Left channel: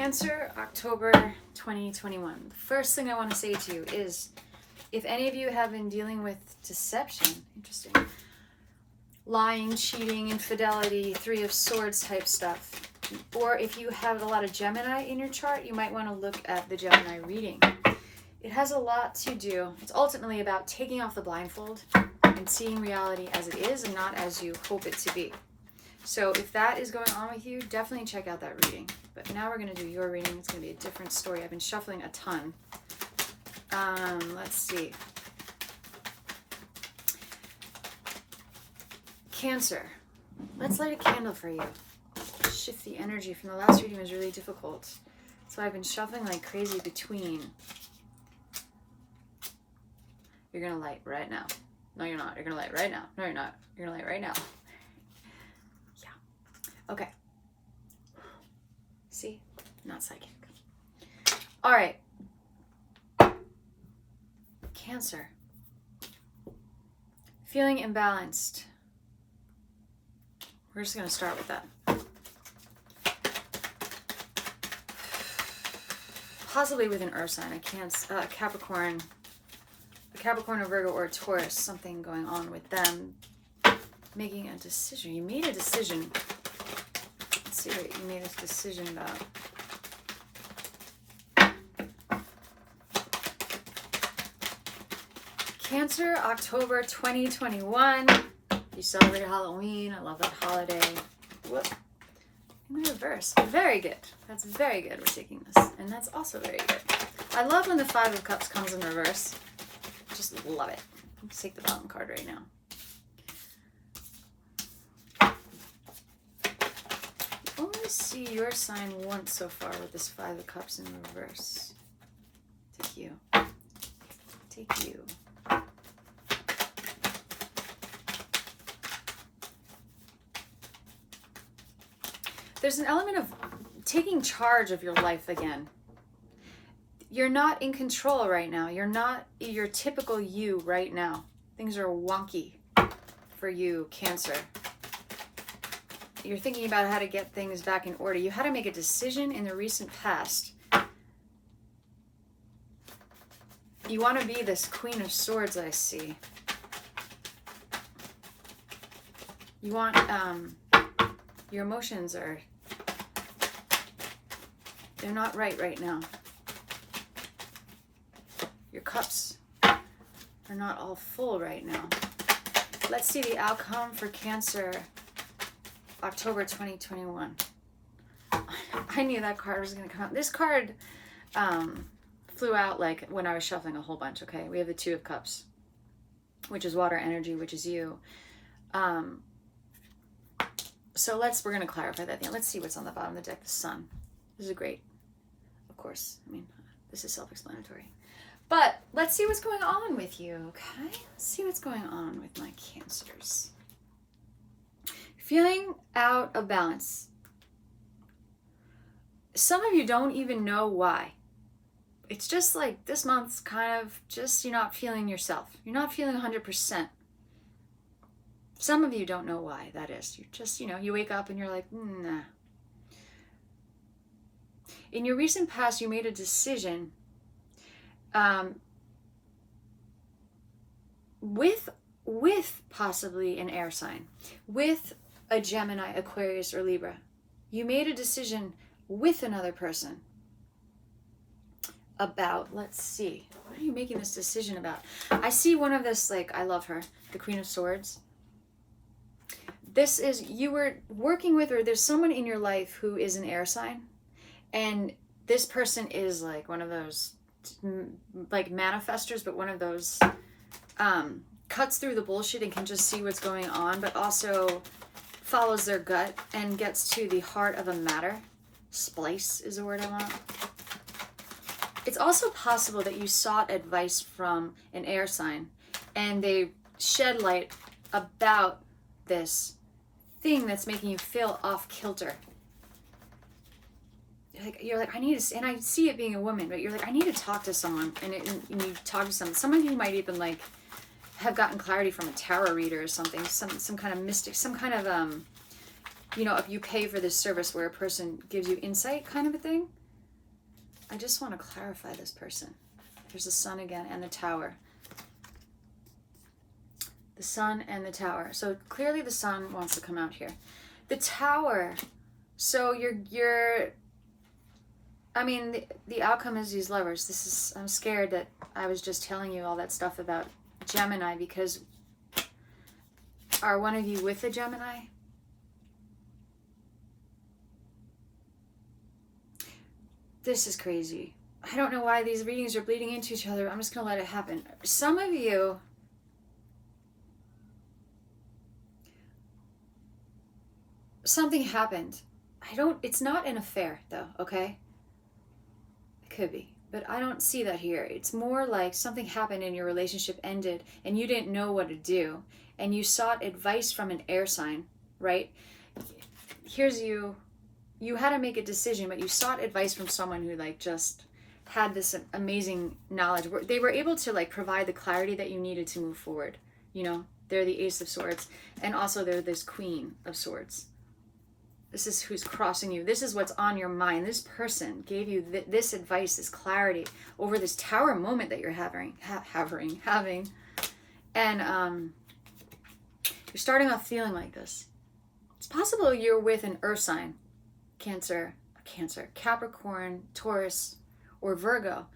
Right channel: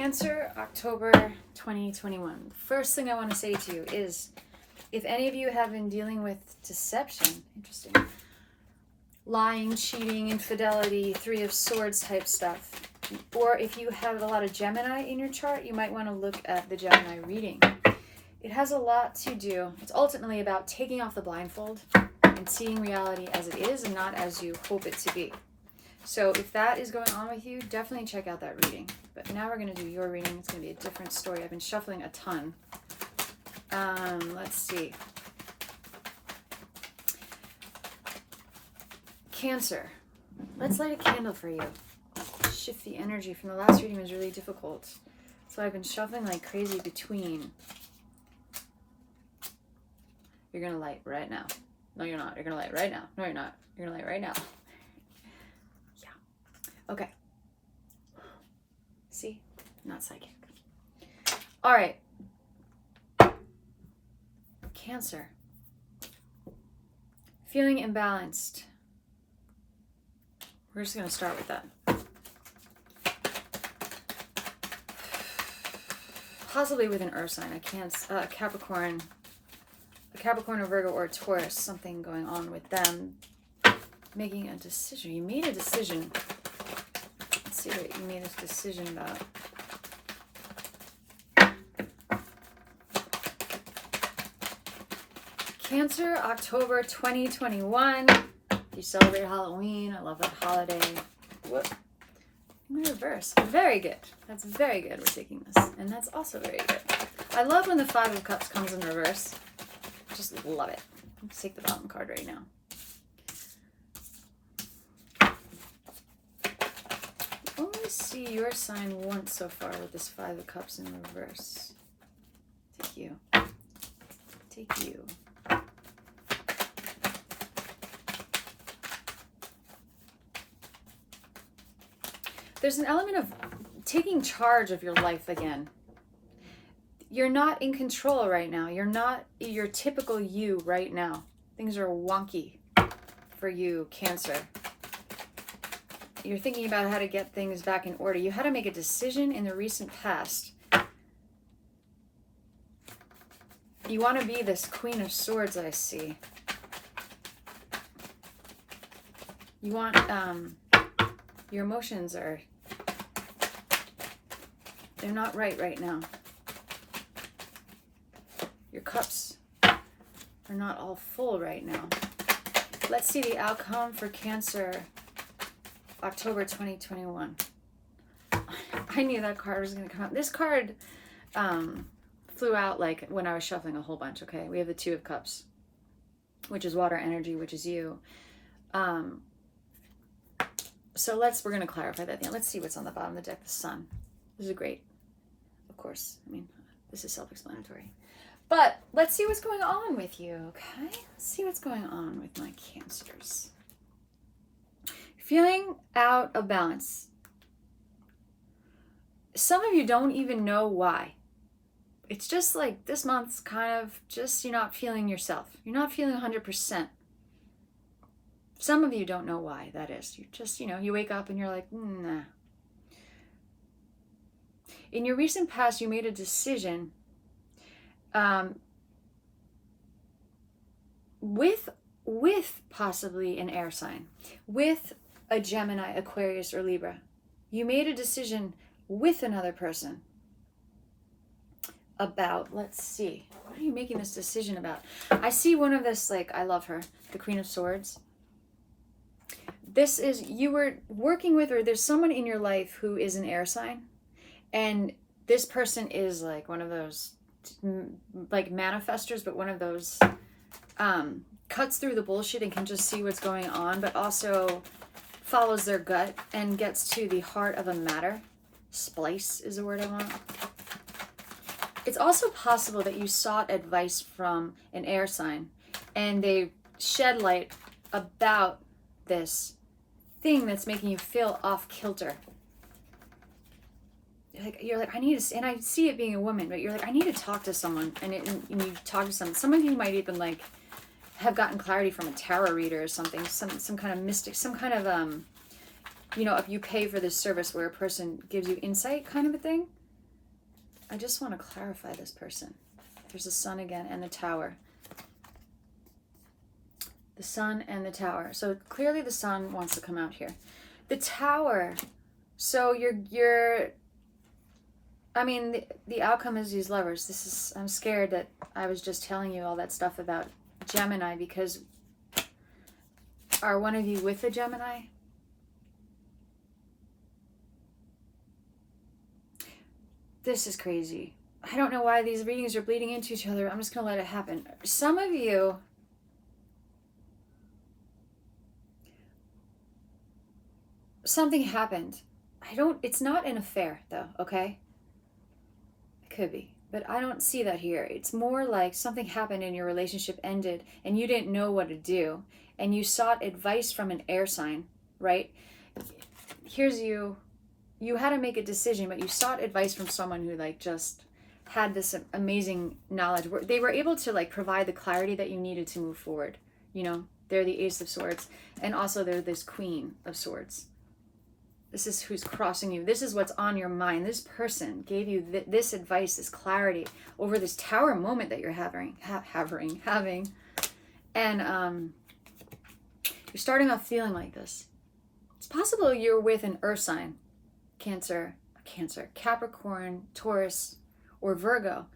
Cancer, October 2021. First thing I want to say to you is, if any of you have been dealing with deception, interesting, lying, cheating, infidelity, Three of Swords type stuff, or if you have a lot of Gemini in your chart, you might want to look at the Gemini reading. It has a lot to do. It's ultimately about taking off the blindfold and seeing reality as it is and not as you hope it to be. So if that is going on with you, definitely check out that reading. But now we're going to do your reading. It's going to be a different story. I've been shuffling a ton. Let's see. Cancer. Let's light a candle for you. Shift the energy from the last reading was really difficult. So I've been shuffling like crazy between. You're going to light right now. No, you're not. You're going to light right now. No, you're not. You're going to light right now. Okay. See? Not psychic. All right. Cancer. Feeling imbalanced. We're just going to start with that. Possibly with an earth sign. Capricorn. A Capricorn, a Virgo, or a Taurus. Something going on with them. Making a decision. You made a decision. See what you made this decision about. Cancer, October 2021. You celebrate Halloween. I love that holiday. Whoop. In reverse. Very good. That's very good. We're taking this. And that's also very good. I love when the Five of Cups comes in reverse. Just love it. Let's take the bottom card right now. See your sign once so far with this Five of Cups in reverse. Take you. Take you. There's an element of taking charge of your life again. You're not in control right now. You're not your typical you right now. Things are wonky for you, Cancer. You're thinking about how to get things back in order. You had to make a decision in the recent past. You want to be this Queen of Swords that I see. You want, your emotions are, they're not right now. Your cups are not all full right now. Let's see the outcome for Cancer. October 2021. I knew that card was going to come out. This card flew out like when I was shuffling a whole bunch, okay? We have the Two of Cups, which is water energy, which is you. So we're going to clarify that thing. Let's see what's on the bottom of the deck. The Sun. This is great. Of course. I mean, this is self-explanatory. But let's see what's going on with you, okay? Let's see what's going on with my Cancers. Feeling out of balance. Some of you don't even know why. It's just like this month's kind of just you're not feeling yourself. You're not feeling 100%. Some of you don't know why that is. You just, you wake up and you're like, nah. In your recent past, you made a decision with possibly an air sign, with a Gemini, Aquarius, or Libra. You made a decision with another person about, let's see, what are you making this decision about? I see one of this, like, I love her, the Queen of Swords. This is, you were working with, or there's someone in your life who is an air sign, and this person is like one of those, like, manifestors, but one of those cuts through the bullshit and can just see what's going on, but also follows their gut and gets to the heart of a matter. Splice is the word I want. It's also possible that you sought advice from an air sign and they shed light about this thing that's making you feel off kilter. You're like, I need to, and I see it being a woman, but you're like, I need to talk to someone, and you talk to someone. Some of you might even like have gotten clarity from a tarot reader or something, some kind of mystic, some kind of if you pay for this service where a person gives you insight kind of a thing. I just want to clarify this person. There's the Sun again and the Tower. The Sun and the Tower. So clearly the Sun wants to come out here. The Tower. So I mean, the outcome is these lovers. I'm scared that I was just telling you all that stuff about Gemini, because are one of you with a Gemini? This is crazy. I don't know why these readings are bleeding into each other. I'm just going to let it happen. Some of you, something happened. It's not an affair though, okay? It could be, but I don't see that here. It's more like something happened and your relationship ended and you didn't know what to do. And you sought advice from an air sign, right? Here's you had to make a decision, but you sought advice from someone who like just had this amazing knowledge. They were able to like provide the clarity that you needed to move forward. You know, they're the Ace of Swords, and also they're this Queen of Swords. This is who's crossing you. This is what's on your mind. This person gave you this advice, this clarity over this Tower moment that you're having. And you're starting off feeling like this. It's possible you're with an earth sign, Cancer, Capricorn, Taurus, or Virgo,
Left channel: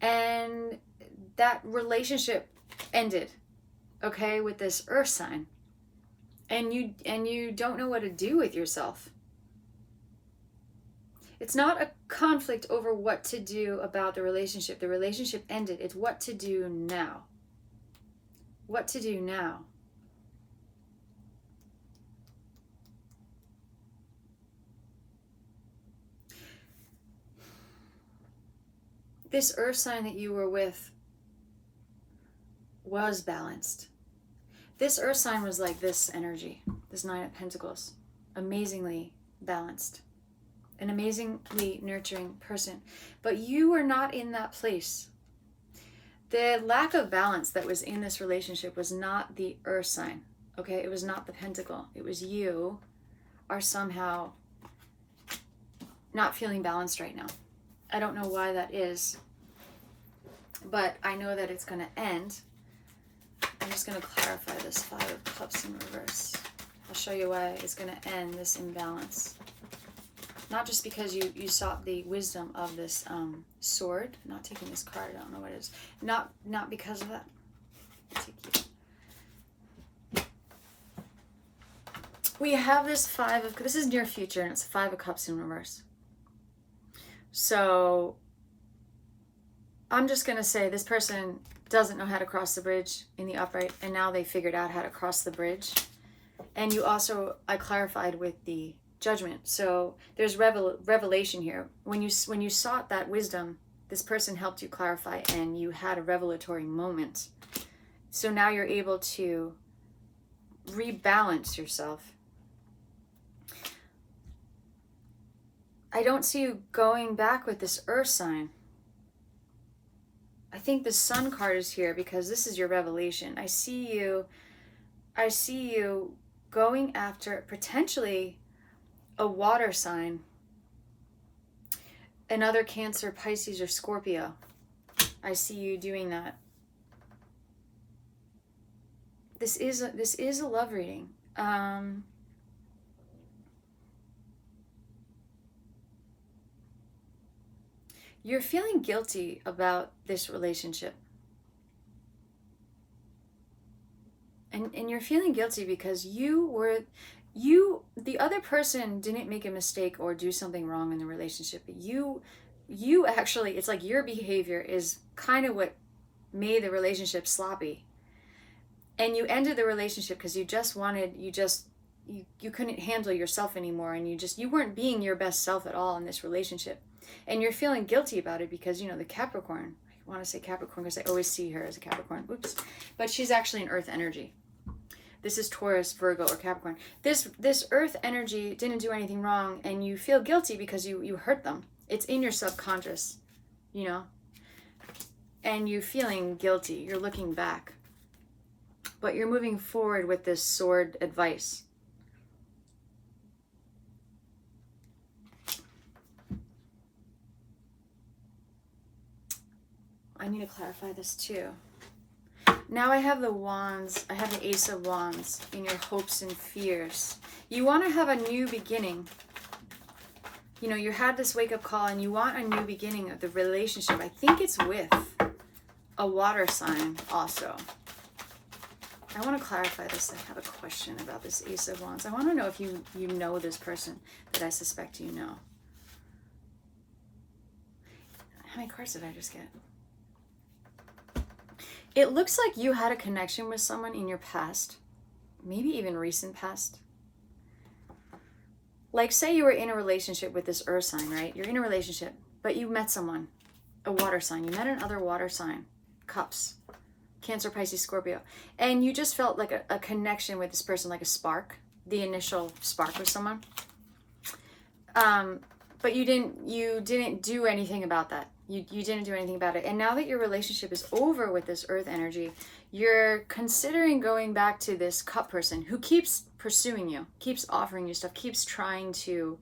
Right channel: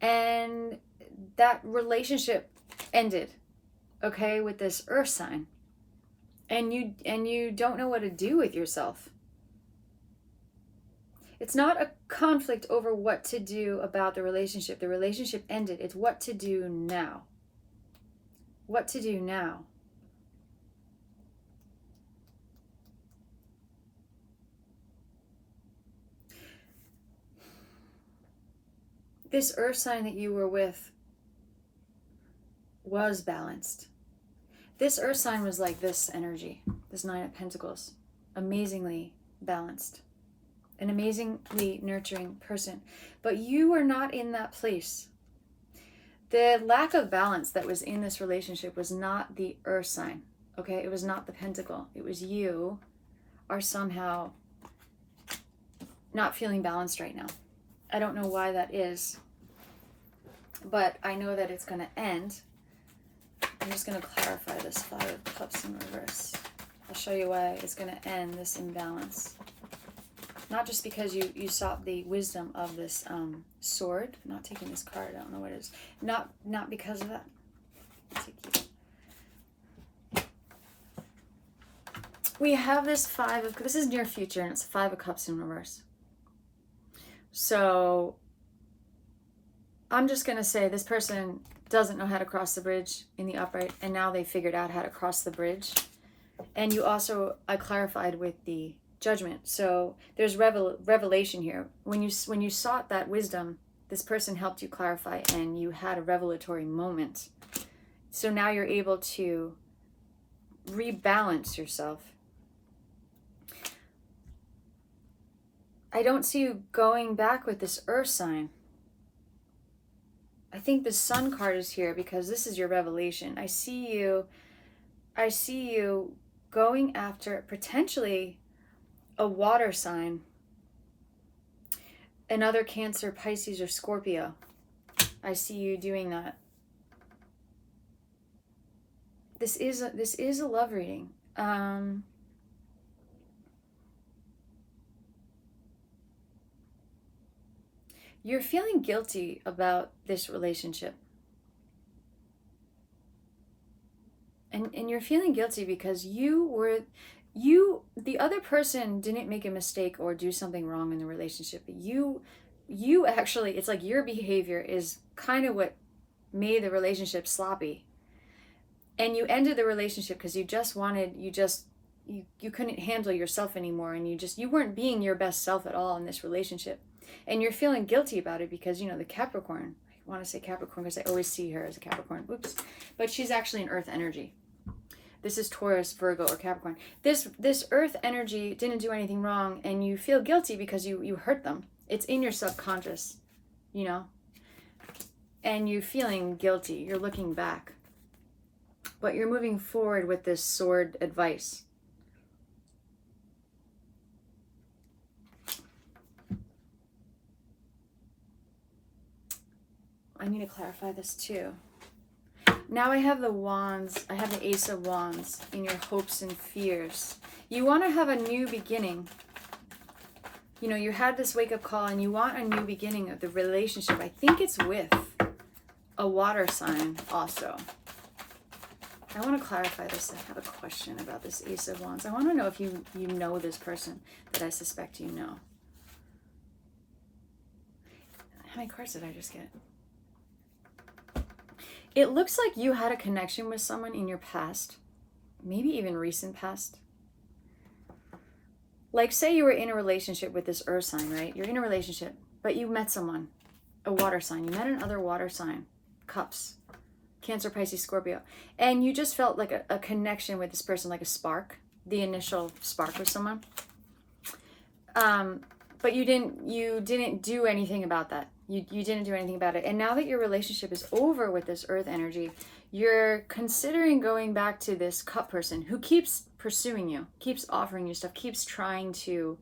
and that relationship ended, okay, with this earth sign, and you don't know what to do with yourself. It's not a conflict over what to do about the relationship. The relationship ended. It's what to do now. What to do now. This earth sign that you were with was balanced. This earth sign was like this energy, this Nine of Pentacles, amazingly balanced, an amazingly nurturing person. But you were not in that place. The lack of balance that was in this relationship was not the earth sign, okay? It was not the pentacle. It was you are somehow not feeling balanced right now. I don't know why that is, but I know that it's going to end. I'm just going to clarify this Five of Cups in reverse. I'll show you why it's going to end this imbalance. Not just because you sought the wisdom of this sword. I'm not taking this card. I don't know what it is. Not because of that. We have this this is near future, and it's Five of Cups in reverse. So I'm just going to say this person doesn't know how to cross the bridge in the upright, and now they figured out how to cross the bridge. And you also, I clarified with the Judgment. So there's revelation here. When you sought that wisdom, this person helped you clarify, and you had a revelatory moment. So now you're able to rebalance yourself. I don't see you going back with this earth sign. I think the Sun card is here because this is your revelation. I see you going after potentially a water sign, another Cancer, Pisces, or Scorpio. I see you doing that. This is a love reading. You're feeling guilty about this relationship. And you're feeling guilty because the other person didn't make a mistake or do something wrong in the relationship. But you actually, it's like your behavior is kind of what made the relationship sloppy. And you ended the relationship because you couldn't handle yourself anymore, and you weren't being your best self at all in this relationship. And you're feeling guilty about it because, the Capricorn, I want to say Capricorn because I always see her as a Capricorn. Oops. But she's actually an earth energy. This is Taurus, Virgo, or Capricorn. This earth energy didn't do anything wrong, and you feel guilty because you hurt them. It's in your subconscious, and you're feeling guilty. You're looking back. But you're moving forward with this sword advice. I need to clarify this too. Now I have the wands. I have the Ace of Wands in your hopes and fears. You want to have a new beginning. You know, you had this wake-up call and you want a new beginning of the relationship. I think it's with a water sign also. I want to clarify this. I have a question about this Ace of Wands. I want to know if you know this person that I suspect you know. How many cards did I just get? It looks like you had a connection with someone in your past, maybe even recent past. Like say you were in a relationship with this earth sign, right? You're in a relationship, but you met someone, a water sign. You met another water sign, Cups, Cancer, Pisces, Scorpio. And you just felt like a connection with this person, like a spark, the initial spark with someone. But you didn't do anything about that. You didn't do anything about it. And now that your relationship is over with this earth energy, you're considering going back to this cup person who keeps pursuing you, keeps offering you stuff, keeps trying to,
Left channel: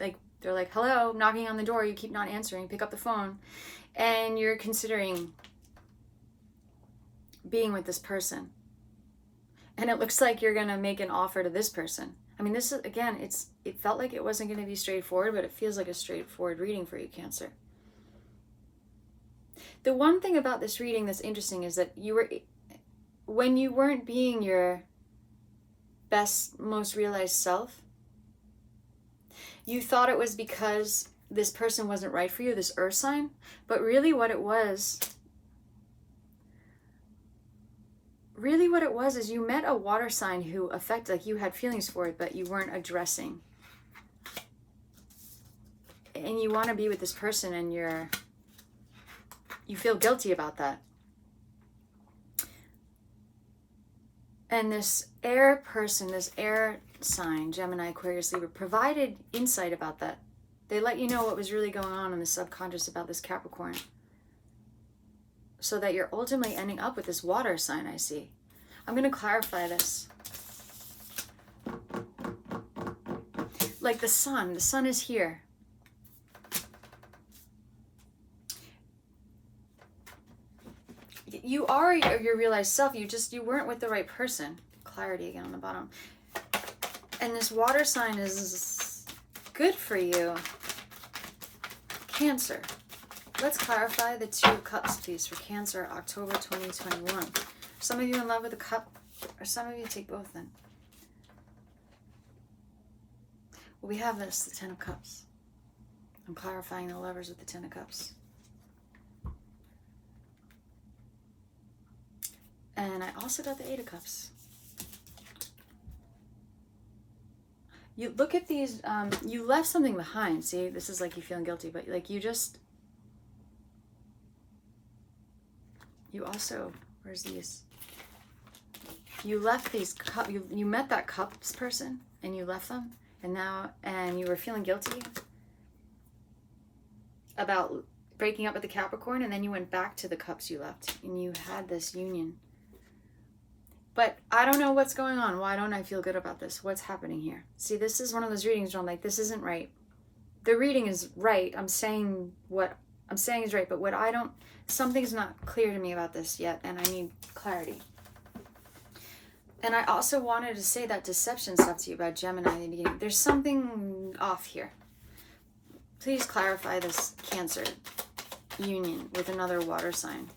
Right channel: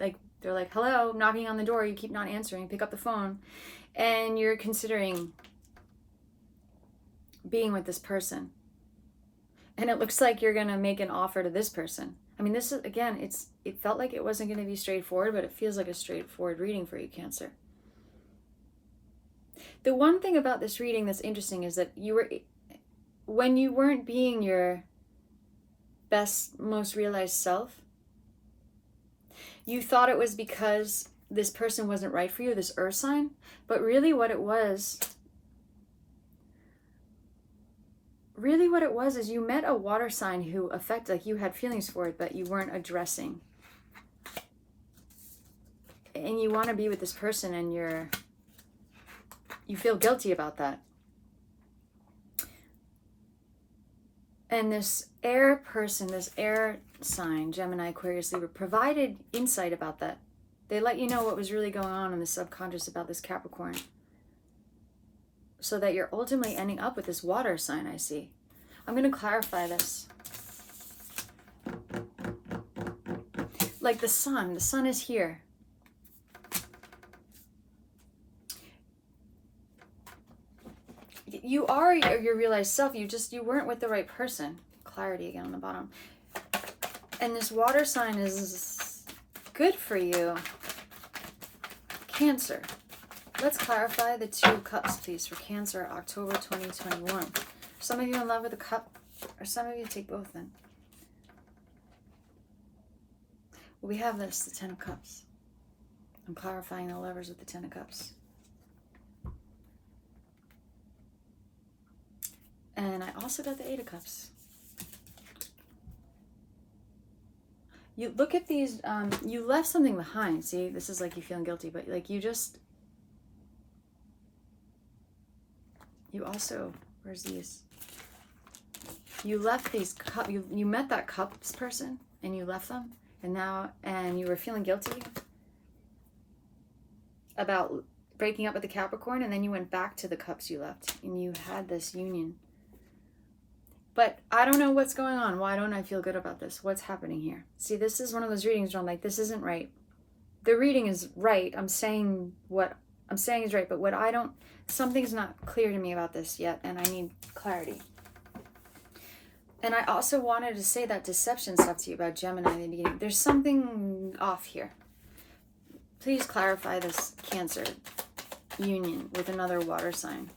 like, they're like, hello, knocking on the door, you keep not answering, pick up the phone. And you're considering being with this person. And it looks like you're going to make an offer to this person. I mean, this is, again, it felt like it wasn't going to be straightforward, but it feels like a straightforward reading for you, Cancer. The one thing about this reading that's interesting is that when you weren't being your best, most realized self, you thought it was because this person wasn't right for you, this earth sign, but really what it was is you met a water sign who like you had feelings for it, but you weren't addressing. And you want to be with this person and you feel guilty about that. And this air person, this air sign, Gemini, Aquarius, Libra, provided insight about that. They let you know what was really going on in the subconscious about this Capricorn. So that you're ultimately ending up with this water sign, I see. I'm going to clarify this. Like the sun is here. You are your realized self. You weren't with the right person. Clarity again on the bottom. And this water sign is good for you. Cancer. Let's clarify the 2 cups, please, for Cancer, October 2021. Some of you in love with a cup, or some of you take both then. Well, we have this, the 10 of Cups. I'm clarifying the Lovers with the 10 of Cups. And I also got the 8 of Cups. You look at these, you left something behind. See, this is like you feeling guilty, but like you also, where's these? You left these cups, you met that cups person and you left them and you were feeling guilty about breaking up with the Capricorn, and then you went back to the cups you left and you had this union. But I don't know what's going on. Why don't I feel good about this? What's happening here? See, this is one of those readings where I'm like, this isn't right. The reading is right. I'm saying what I'm saying is right, but something's not clear to me about this yet, and I need clarity. And I also wanted to say that deception stuff to you about Gemini in the beginning. There's something off here. Please clarify this Cancer union with another water sign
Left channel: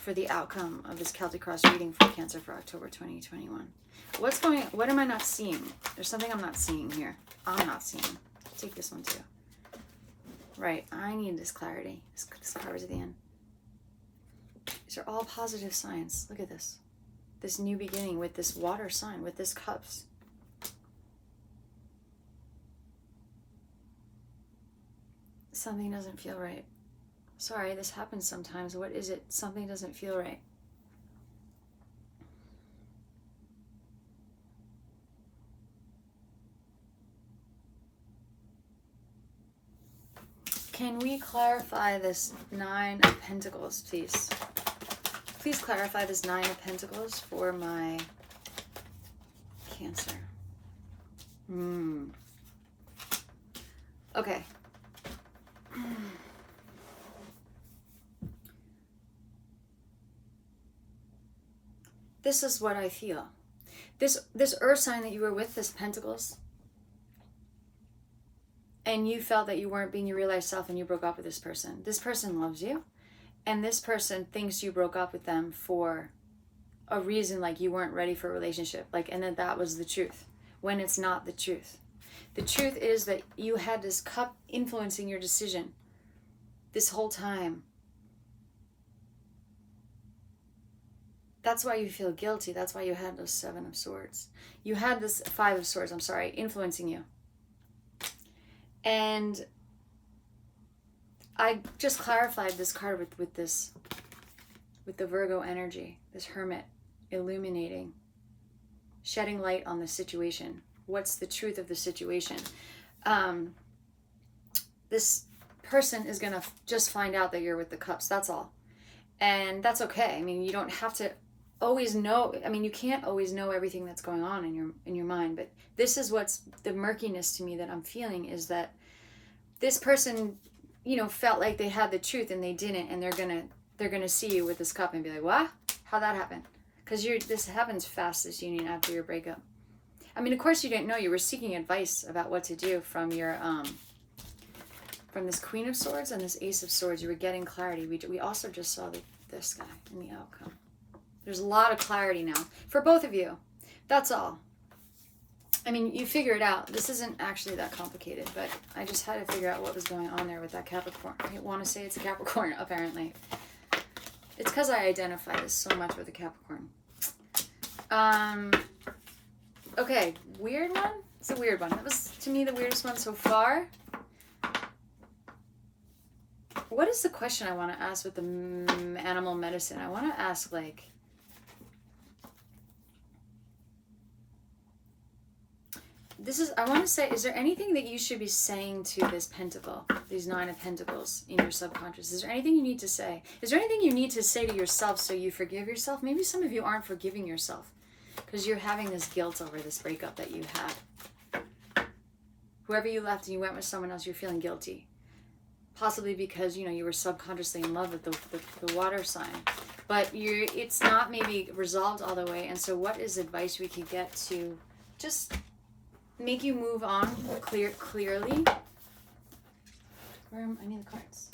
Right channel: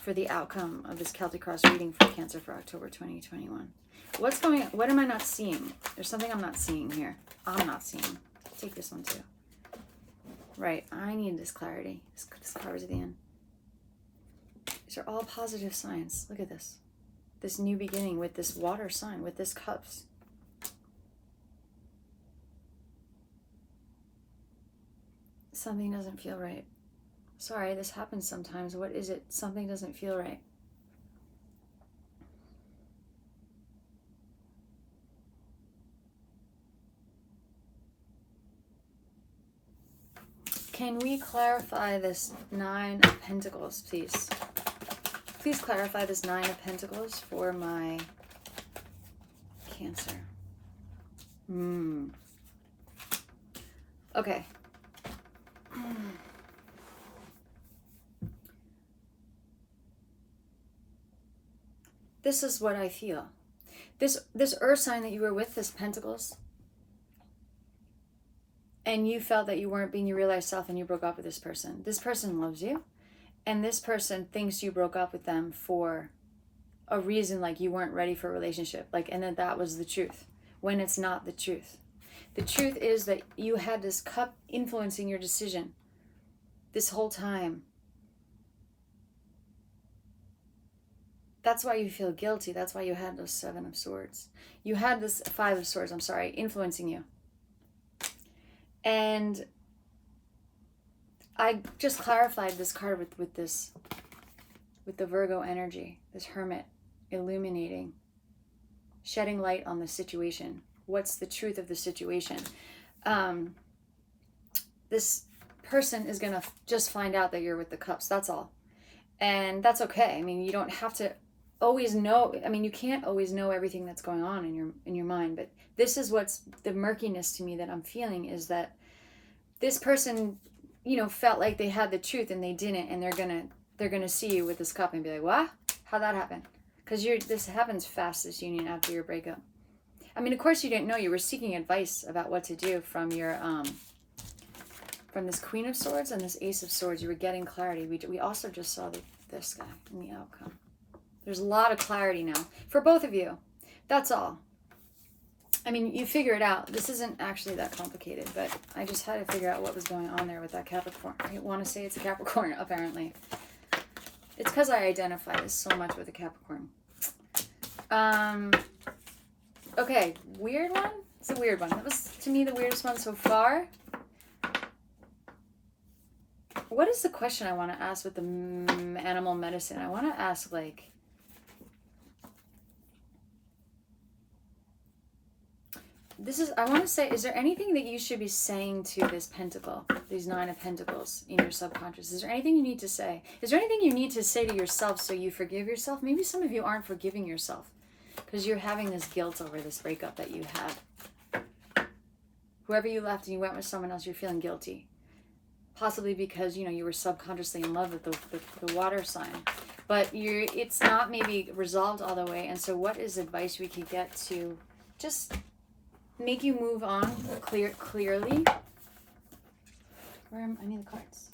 for the outcome of this Celtic Cross reading for Cancer for October 2021. What am I not seeing? There's something I'm not seeing here. I'm not seeing. Take this one too. Right, I need this clarity. This card is at the end. These are all positive signs. Look at this. This new beginning with this water sign, with this cups. Something doesn't feel right. Sorry, this happens sometimes. What is it? Something doesn't feel right. Can we clarify this 9 of Pentacles, please? Please clarify this 9 of Pentacles for my Cancer. Okay. this is what I feel. This earth sign that you were with, this Pentacles, and you felt that you weren't being your realized self and you broke up with this person. This person loves you, and this person thinks you broke up with them for a reason, like you weren't ready for a relationship, like, and that was the truth, when it's not the truth. The truth is that you had this cup influencing your decision this whole time. That's why you feel guilty. That's why you had those 7 of Swords. You had this 5 of Swords, I'm sorry, influencing you. And I just clarified this card with the Virgo energy, this Hermit, illuminating, shedding light on the situation. What's the truth of the situation? This person is going to just find out that you're with the Cups. That's all. And that's okay. I mean, you don't have to always know. I mean, you can't always know everything that's going on in your mind, but this is what's the murkiness to me that I'm feeling, is that this person, you know, felt like they had the truth and they didn't, and they're gonna see you with this cup and be like, what? How'd that happen? Because this happens fast, this union, after your breakup. I mean, of course you didn't know. You were seeking advice about what to do from your from this Queen of Swords and this Ace of Swords. You were getting clarity. We also just saw this guy in the outcome. There's a lot of clarity now for both of you. That's all. I mean, you figure it out. This isn't actually that complicated, but I just had to figure out what was going on there with that Capricorn. I want to say it's a Capricorn, apparently. It's because I identify this so much with a Capricorn. Okay, weird one? It's a weird one. That was, to me, the weirdest one so far. What is the question I want to ask with the animal medicine? I want to ask, like, I want to say, is there anything that you should be saying to this Pentacle, these 9 of Pentacles in your subconscious? Is there anything you need to say? Is there anything you need to say to yourself so you forgive yourself? Maybe some of you aren't forgiving yourself because you're having this guilt over this breakup that you had. Whoever you left and you went with someone else, you're feeling guilty. Possibly because, you know, you were subconsciously in love with the water sign. But it's not maybe resolved all the way. And so what is advice we could get to just make you move on clearly? I need the cards.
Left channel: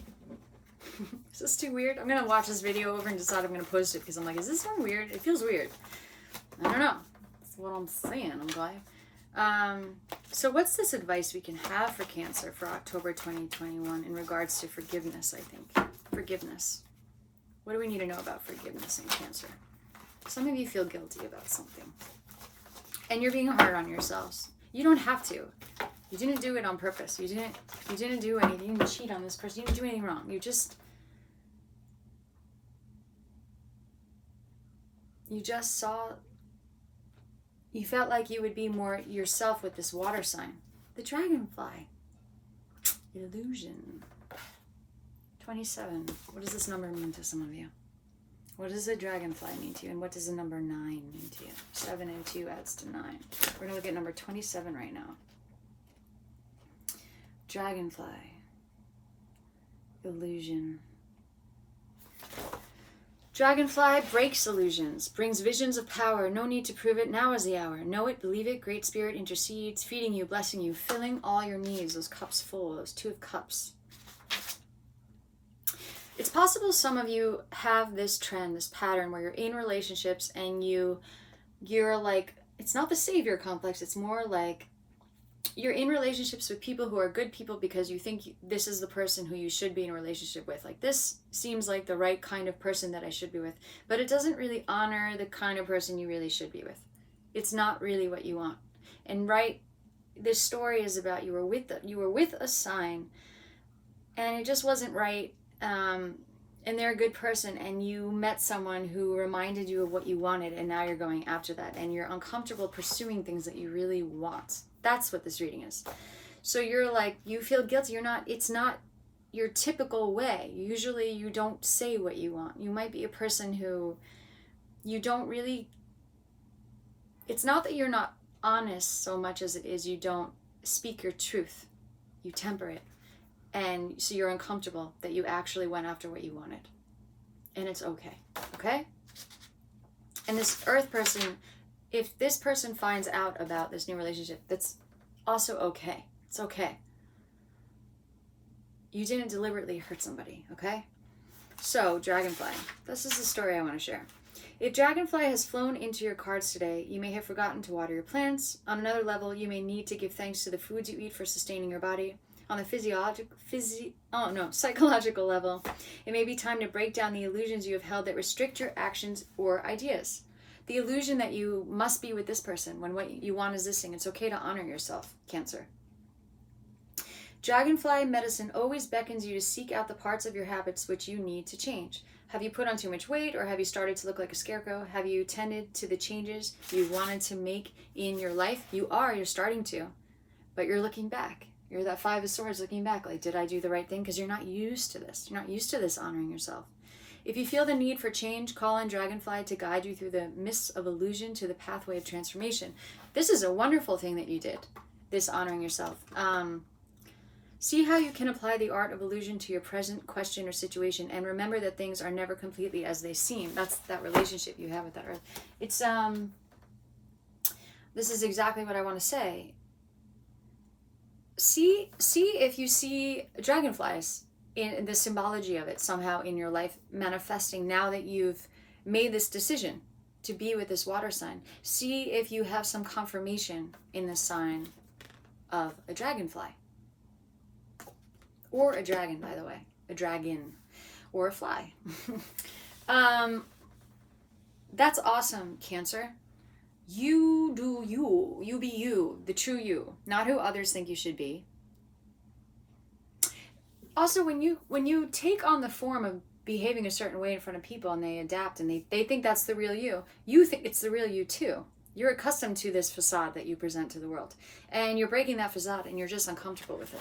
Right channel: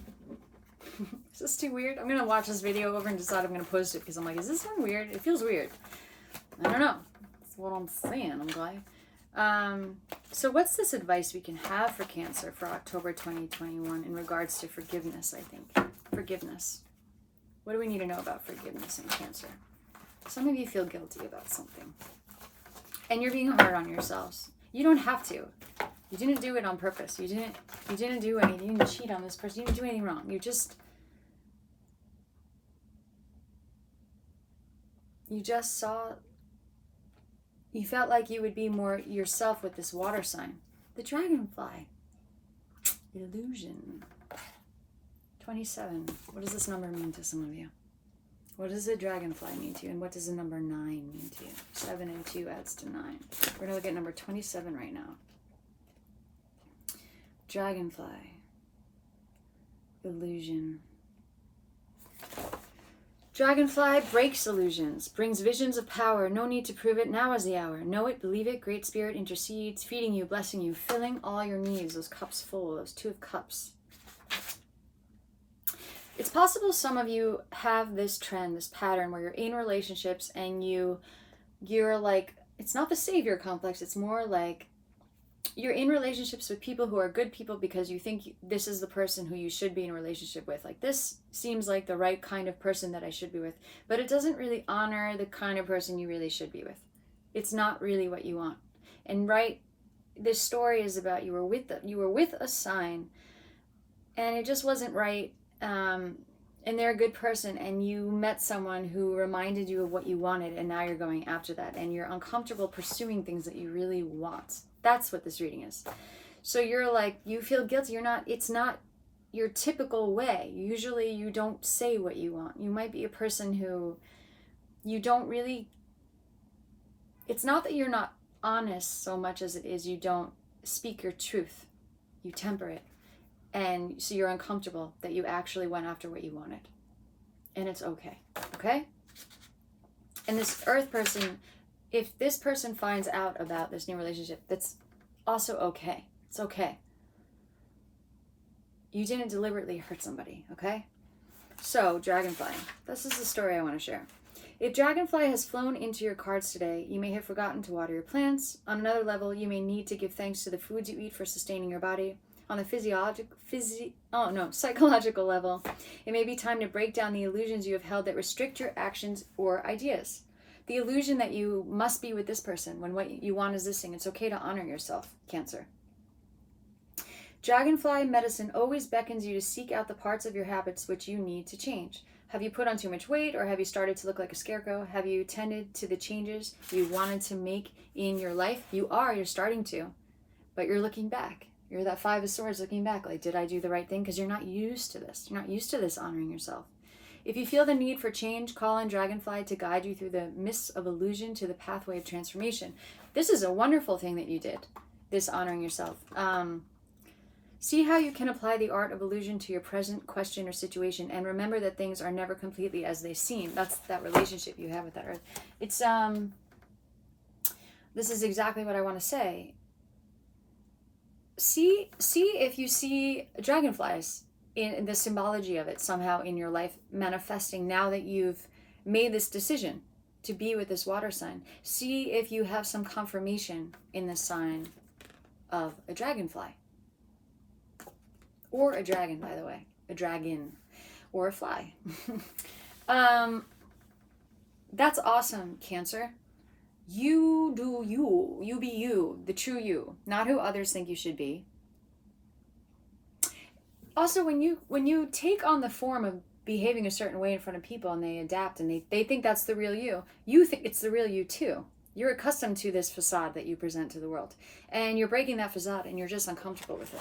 Is this too weird? I'm going to watch this video over and decide I'm going to post it because I'm like, is this one weird? It feels weird. I don't know. That's what I'm saying. I'm glad. So what's this advice we can have for Cancer for October 2021 in regards to forgiveness, I think? Forgiveness. What do we need to know about forgiveness in Cancer? Some of you feel guilty about something. And you're being hard on yourselves. You don't have to. You didn't do it on purpose. You didn't do anything. You didn't cheat on this person. You didn't do anything wrong. You just saw. You felt like you would be more yourself with this water sign. The dragonfly. Illusion. 27. What does this number mean to some of you? What does the dragonfly mean to you? And what does the number 9 mean to you? 7 and 2 adds to 9. We're going to look at number 27 right now. Dragonfly. Illusion. Dragonfly breaks illusions, brings visions of power. No need to prove it. Now is the hour. Know it, believe it. Great Spirit intercedes, feeding you, blessing you, filling all your needs. Those cups full, those 2 of Cups. It's possible some of you have this trend, this pattern where you're in relationships and you're like, it's not the savior complex. It's more like you're in relationships with people who are good people because you think this is the person who you should be in a relationship with. Like, this seems like the right kind of person that I should be with, but it doesn't really honor the kind of person you really should be with. It's not really what you want. And this story is about you were with a sign and it just wasn't right. And they're a good person and you met someone who reminded you of what you wanted and now you're going after that and you're uncomfortable pursuing things that you really want. That's what this reading is. So you're like, you feel guilty. It's not your typical way. Usually you don't say what you want. You might be a person who you don't really, it's not that you're not honest so much as it is you don't speak your truth. You temper it. And so you're uncomfortable that you actually went after what you wanted. And it's okay. Okay? And this earth person, if this person finds out about this new relationship, that's also okay. It's okay. You didn't deliberately hurt somebody, okay? So, Dragonfly. This is the story I want to share. If Dragonfly has flown into your cards today, you may have forgotten to water your plants. On another level, you may need to give thanks to the foods you eat for sustaining your body. On the psychological level, it may be time to break down the illusions you have held that restrict your actions or ideas. The illusion that you must be with this person when what you want is this thing. It's okay to honor yourself, Cancer. Dragonfly medicine always beckons you to seek out the parts of your habits which you need to change. Have you put on too much weight, or have you started to look like a scarecrow? Have you tended to the changes you wanted to make in your life? You're starting to, but you're looking back. You're that Five of Swords looking back, like, did I do the right thing? Because you're not used to this. You're not used to this honoring yourself. If you feel the need for change, call on Dragonfly to guide you through the mists of illusion to the pathway of transformation. This is a wonderful thing that you did, this honoring yourself. See how you can apply the art of illusion to your present question or situation, and remember that things are never completely as they seem. That's that relationship you have with that earth. It's this is exactly what I want to say. See if you see dragonflies in the symbology of it somehow in your life manifesting now that you've made this decision to be with this water sign. See if you have some confirmation in the sign of a dragonfly. Or a dragon, by the way. A dragon. Or a fly. That's awesome, Cancer. You do you. You be you. The true you. Not who others think you should be. Also, when you take on the form of behaving a certain way in front of people and they adapt and they think that's the real you think it's the real you too. You're accustomed to this facade that you present to the world. And you're breaking that facade and you're just uncomfortable with it.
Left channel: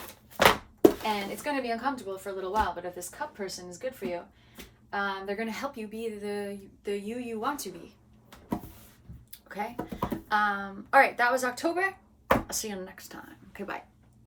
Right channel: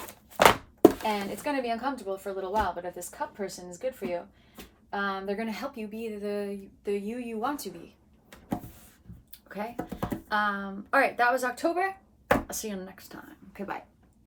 And it's going to be uncomfortable for a little while, but if this cup person is good for you, they're going to help you be the you want to be. Okay? All right, that was October. I'll see you next time. Okay, bye.